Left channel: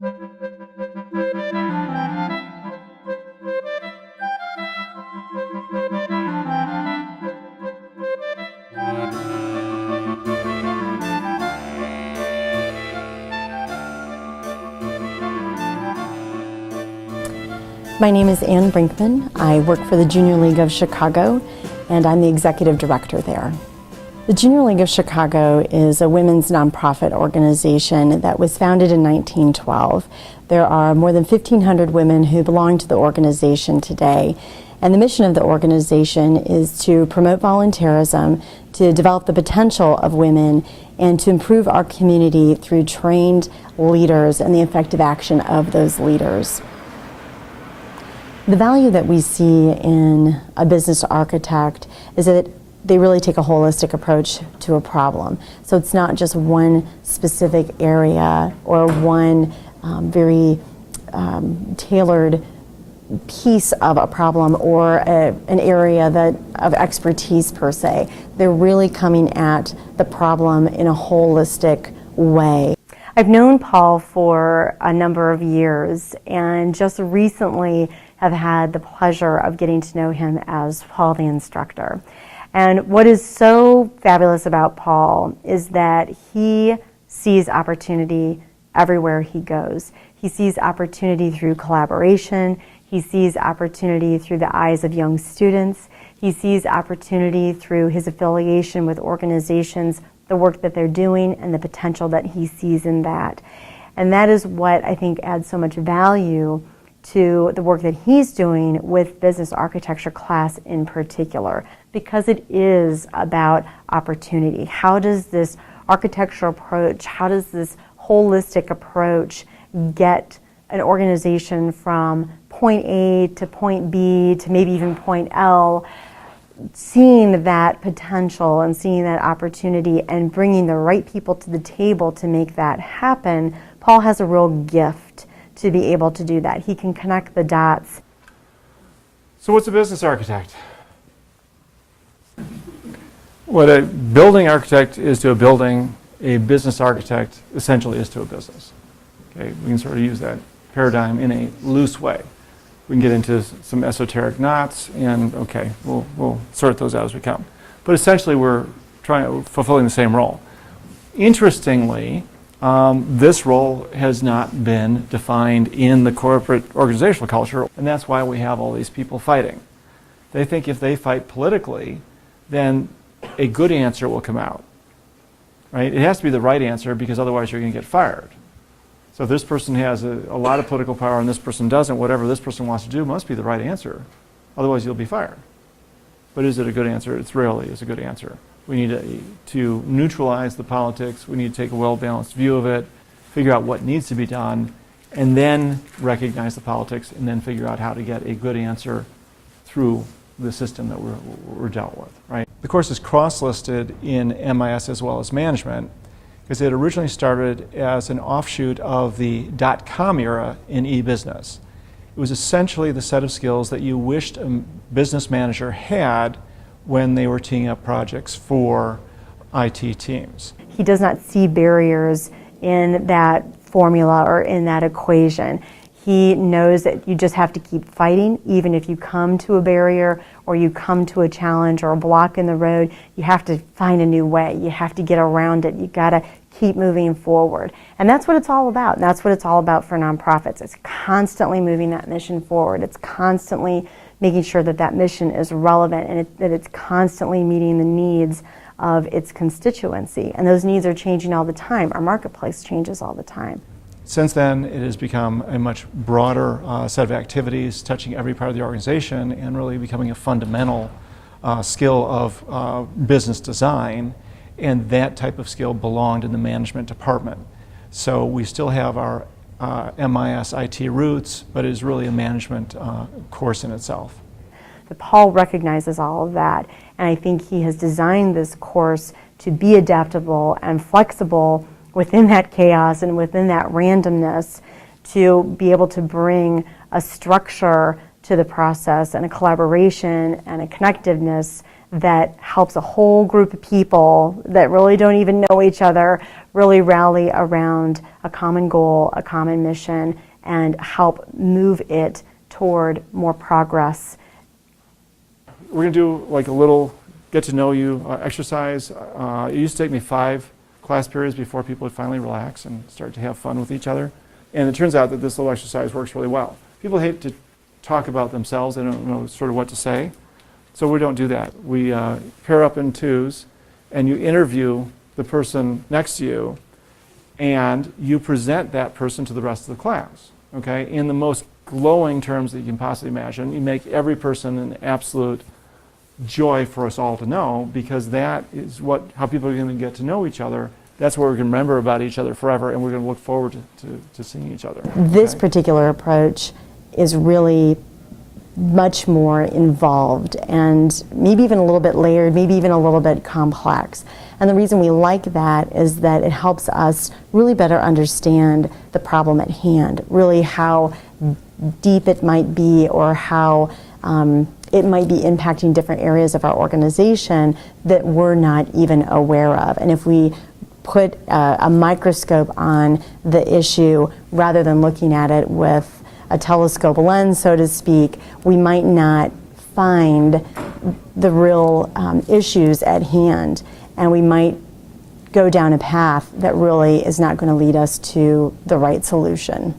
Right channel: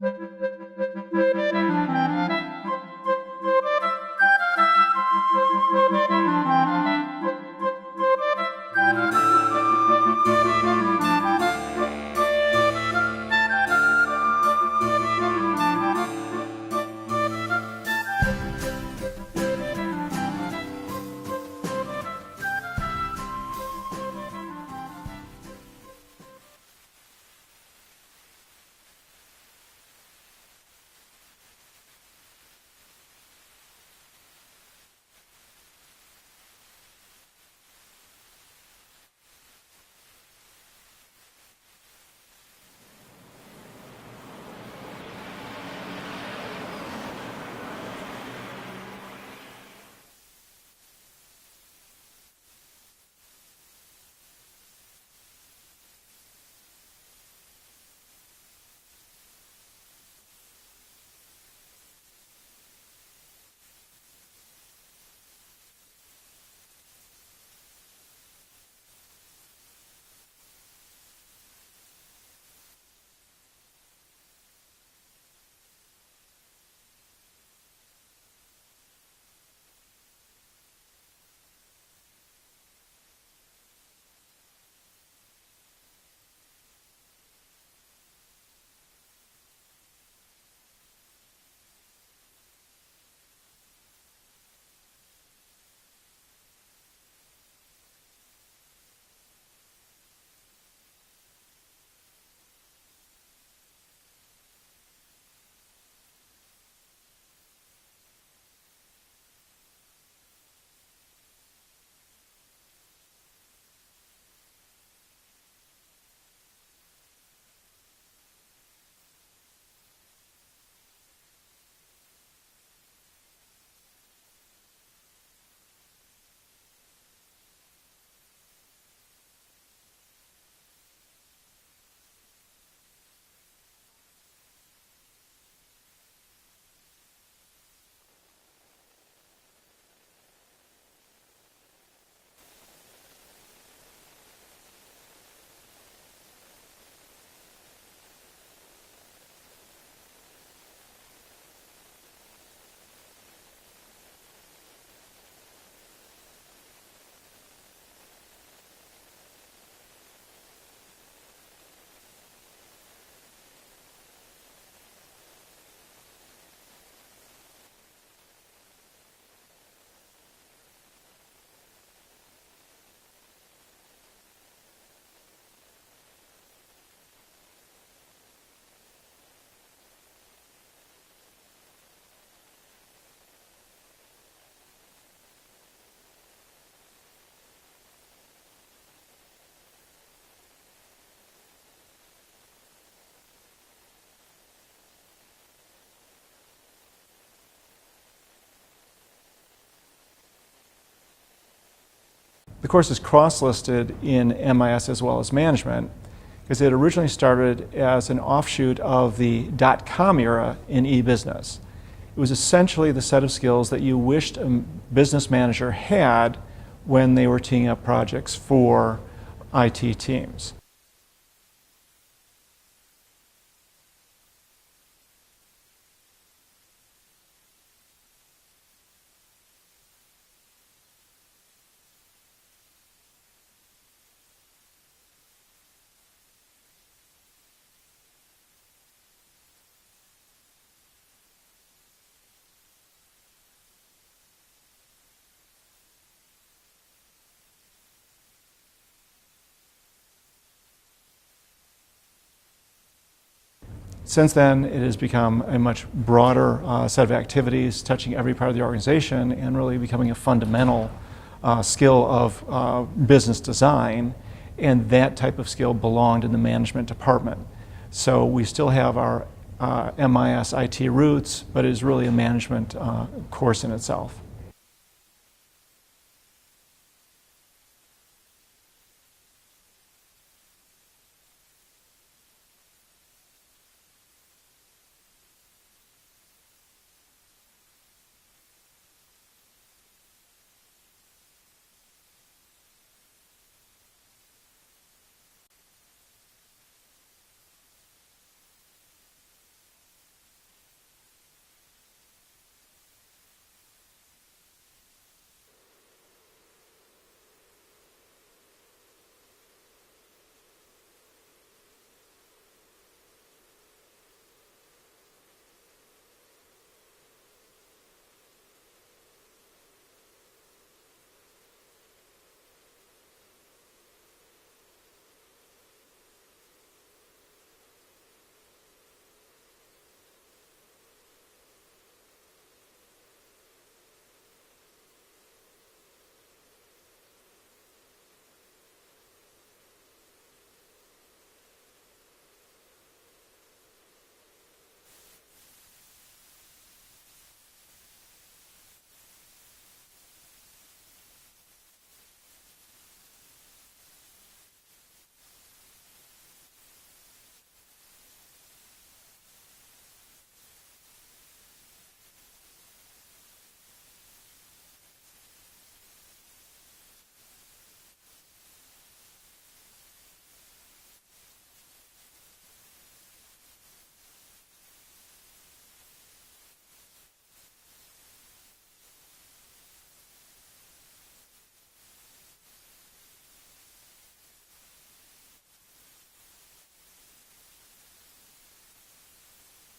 My name is Ann Brinkman. I work for the Junior League of Chicago, and I'm the executive director there. The Junior League of Chicago is a women's nonprofit organization that was founded in 1912. There are more than 1,500 women who belong to the organization today, and the mission of the organization is to promote volunteerism, to develop the potential of women, and to improve our community through trained leaders and the effective action of those leaders. The value that we see in a business architect is that they really take a holistic approach to a problem. So it's not just one specific area or one very tailored piece of a problem or an area of expertise per se. They're really coming at the problem in a holistic way. I've known Paul for a number of years, and just recently have had the pleasure of getting to know him as Paul the instructor. And what is so fabulous about Paul is that he sees opportunity everywhere he goes. He sees opportunity through collaboration. He sees opportunity through the eyes of young students. He sees opportunity through his affiliation with organizations, the work that they're doing, and the potential that he sees in that. And that is what I think adds so much value to the work that he's doing with business architecture class in particular, because it is about opportunity. How does this architectural approach, how does this holistic approach get an organization from point A to point B to maybe even point L, seeing that potential and seeing that opportunity and bringing the right people to the table to make that happen? Paul has a real gift to be able to do that. He can connect the dots. So what's a business architect? What a building architect is to a building, a business architect essentially is to a business. Okay, we can sort of use that paradigm in a loose way. We can get into some esoteric knots, and okay, we'll sort those out as we come. But essentially we're fulfilling the same role. Interestingly, this role has not been defined in the corporate organizational culture, and that's why we have all these people fighting. They think if they fight politically, then a good answer will come out, right? It has to be the right answer, because otherwise you're going to get fired. So if this person has a lot of political power and this person doesn't, whatever this person wants to do must be the right answer. Otherwise you'll be fired. But is it a good answer? It rarely is a good answer. We need to neutralize the politics. We need to take a well-balanced view of it, figure out what needs to be done, and then recognize the politics, and then figure out how to get a good answer through the system that we're dealt with, right? The course is cross-listed in MIS as well as management, because it originally started as an offshoot of the .com era in e-business. It was essentially the set of skills that you wished a business manager had when they were teeing up projects for IT teams. He does not see barriers in that formula or in that equation. He knows that you just have to keep fighting. Even if you come to a barrier or you come to a challenge or a block in the road, you have to find a new way. You have to get around it. You got to keep moving forward. And that's what it's all about. And that's what it's all about for nonprofits. It's constantly moving that mission forward. It's constantly making sure that that mission is relevant and that it's constantly meeting the needs of its constituency. And those needs are changing all the time. Our marketplace changes all the time. Since then, it has become a much broader set of activities touching every part of the organization and really becoming a fundamental skill of business design. And that type of skill belonged in the management department. So we still have our MIS IT roots, but it is really a management course in itself. Paul recognizes all of that, and I think he has designed this course to be adaptable and flexible within that chaos and within that randomness, to be able to bring a structure to the process and a collaboration and a connectiveness that helps a whole group of people that really don't even know each other really rally around a common goal, a common mission, and help move it toward more progress. We're going to do like a little get to know you exercise. It used to take me 5 class periods before people would finally relax and start to have fun with each other. And it turns out that this little exercise works really well. People hate to talk about themselves. They don't know sort of what to say. So we don't do that. We pair up in 2s, and you interview the person next to you, and you present that person to the rest of the class, okay, in the most glowing terms that you can possibly imagine. You make every person an absolute joy for us all to know, because that is how people are going to get to know each other. That's what we're going to remember about each other forever, and we're going to look forward to seeing each other. This okay? particular approach is really much more involved and maybe even a little bit layered, maybe even a little bit complex. And the reason we like that is that it helps us really better understand the problem at hand, really how deep it might be, or how it might be impacting different areas of our organization that we're not even aware of. And if we put a microscope on the issue rather than looking at it with a telescope lens, so to speak, we might not find the real issues at hand, and we might go down a path that really is not going to lead us to the right solution.